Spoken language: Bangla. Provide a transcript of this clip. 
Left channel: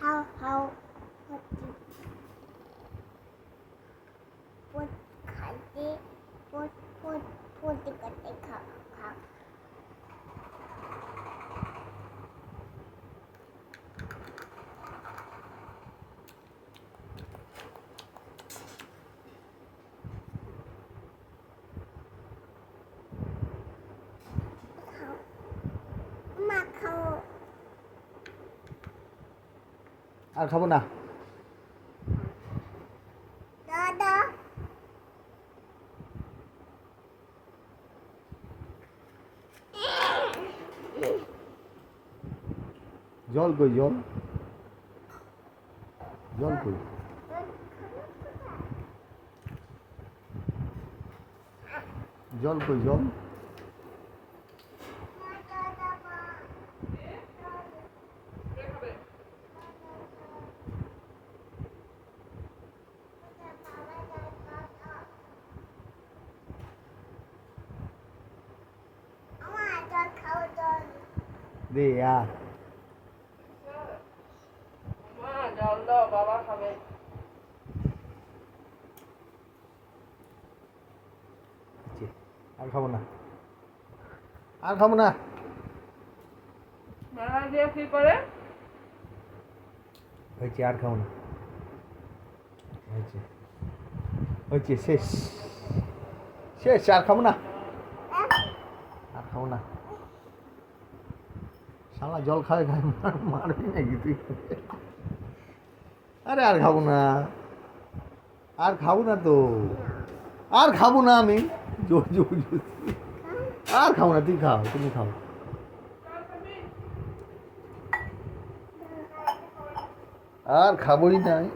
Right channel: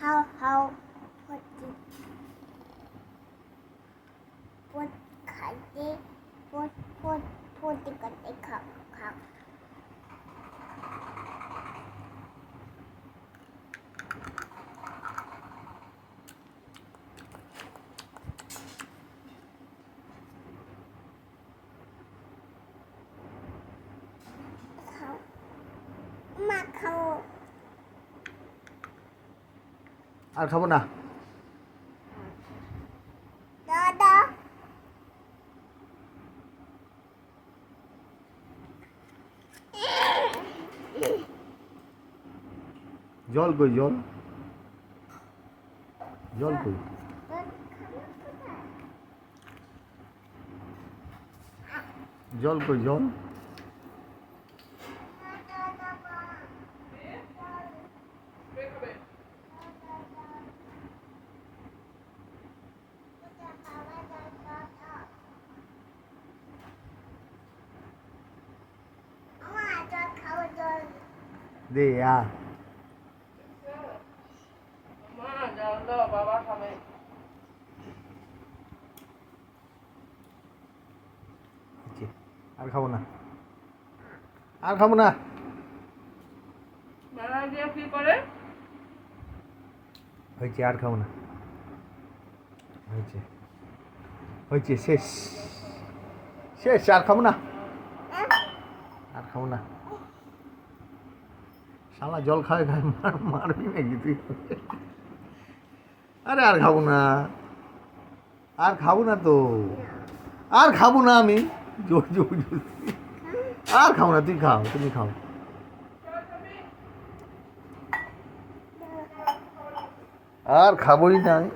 হাউ পটি পট খাইতে পট পট পটি করতে খাও খাও খাও মা খাও আর খাবো না। দাদা জল কই জল জল কই জল কই জল দে আ মা জল দাও বাবা খাবে আর খাবো না আর খাবো না মারা দিয়ে কি করে হয়েছে আর খাবো না হয়েছে হয়েছে শেষ শেষ আর খাবো না আর খাবো না শালা জল খাবে খায় মারবি নাকি তুই আরে আর খাবো না আর খাবো না তো আর খাবো না আমি জোর জোর জোর আর খাবো না তুই খাও তুমি খাও আর খাবোই না আমি